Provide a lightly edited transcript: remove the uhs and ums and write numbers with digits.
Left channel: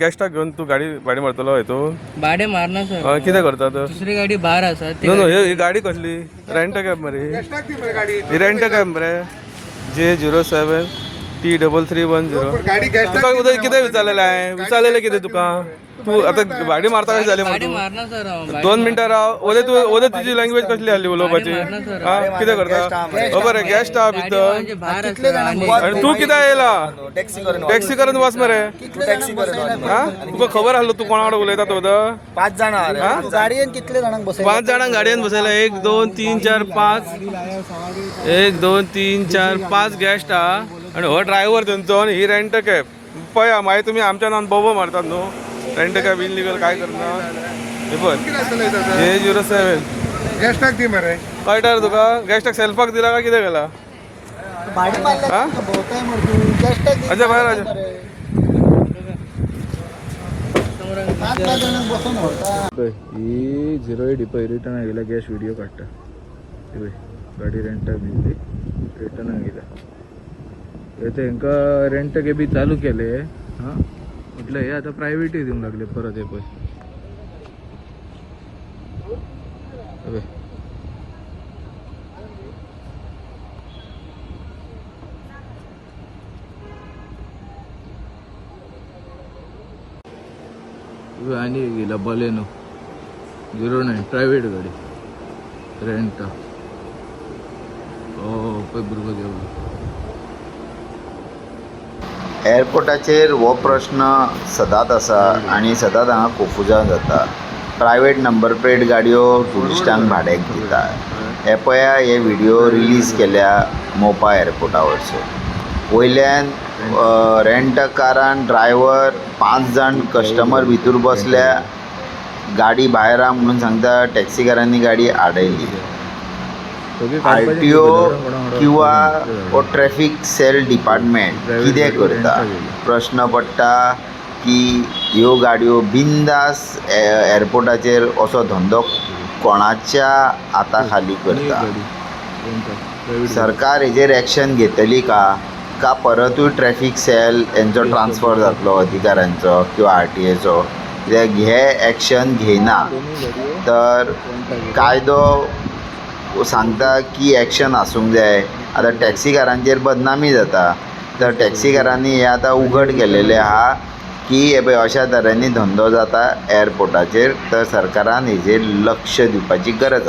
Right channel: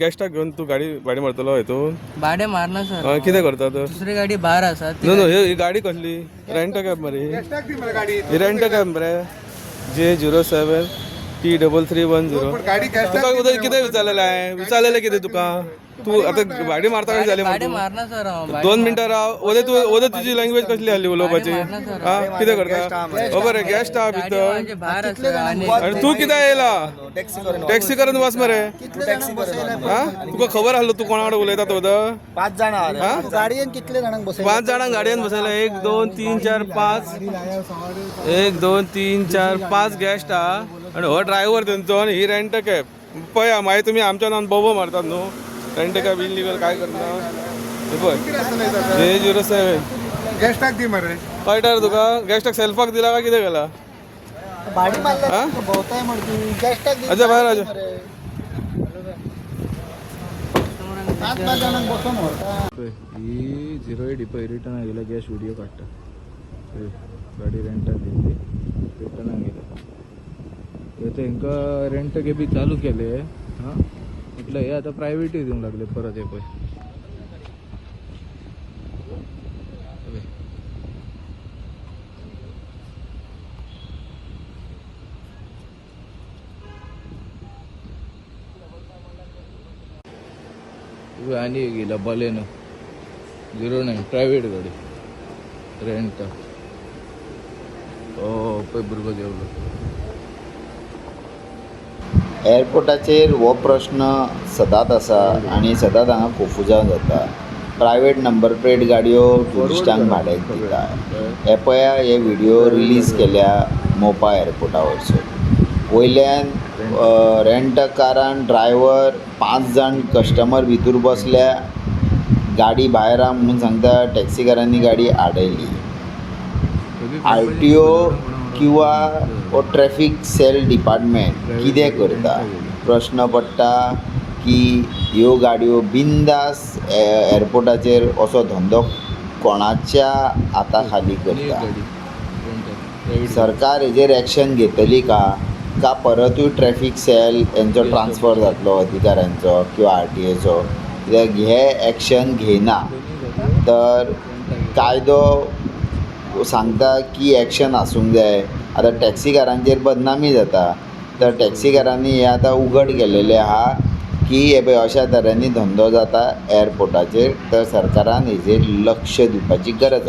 गॅस्टाक घेऊन तू गाडी भाडी मारतलो हय तू भाडे मारना सर कितें करता तर दुसरी गाडी भार आसा ती नो ही गाडी कसली रेंट कॅब मरे ही रेंट कॅब मरे J07T3310 तुका कितें विचारलेलं आहे विचारलेलं कितें तुका तू आता भाडी मारता कशी झाली भाडे मारना सर हांव 2 मिनटां राव ओदे तुझी लँग्वेज कसली आली उलोवपाची कितें करता खबर आहे गॅस्ट हा भितर आणि तू कितें येयला टॅक्सी करून वास मरे तुका खबर आसलो तू कोणा कडेन उलयता तो 5 जाणां गाडयेन कितले जाणांक बसय 5 जाणांक गाडयेन बसयला 1 2 3 4 5 1 2 3 4 5 गॅस्ट हा आणि हो ड्रायव्हर तेंचो आणि ही रेंट कॅब पळया मागीर तुमी आमच्या नांवान बोबो मारतात न्हू रेंट कॅब इनलिगल काय करना J07 गॅस्टाक दी मरे कळटा रे तुका गॅस्टाक सेल्फाक दिला काय कितें केला भाडी मारला भोवताय मर तू गॅस्टाक दी अच्छा बाहेर आजा 5 जाणांक बसून भरता ही 08 पळय रिटर्न गेला गॅस व्हिडिओ काडटा गाडी रेंटाक दिली रिटर्न गेला तेंका रेंट कॅबी चालू केले हां म्हटलं हे आता प्रायव्हेटही दिवंक लागले परत हे पळय आणि गेला बलेनो 09 प्रायव्हेट गाडी रेंट पळय भुरगो देवलो एअरपोर्टाचेर हो प्रश्न सदांच आसा आनी सदांच हांगा कोफुजां जाता प्रायवेट नंबर प्लेट गाडयो ट्युरिस्टांक भाड्याक दिता हे पळया हे व्हिडिओ रिलीज केल्या मोपा एअरपोर्टा वयरसून वयल्यान रेंट कारान ड्रायव्हर 5 जाण कस्टमर भितर बसल्या गाडी भायर आ म्हणून सांगता टॅक्सीकारांनी गाडी आडयली RTO किंवा ट्रॅफिक सेल डिपार्टमेंट कितें करता प्रश्न पडटा की ह्यो गाडयो बिंदास एअरपोर्टाचेर असो धंदो कोणाच्या हाता खाली करता सरकार हेजेर एक्शन घेतली का परतूय ट्रॅफिक सेल हेंचो ट्रान्सफर जातलो अधिकाऱ्यांचो किंवा RTAचो कित्याक हे एक्शन घेयना तर कायदो सांगता की एक्शन आसूंक जाय आतां टॅक्सीकारांचेर बदनामी जाता तर टॅक्सीकारांनी हे आतां उघड केलेलें आहा की हे पळय अशा तरेनी धंदो जाता एअरपोर्टाचेर तर सरकारान हेजेर लक्ष दिवपाची गरज आसा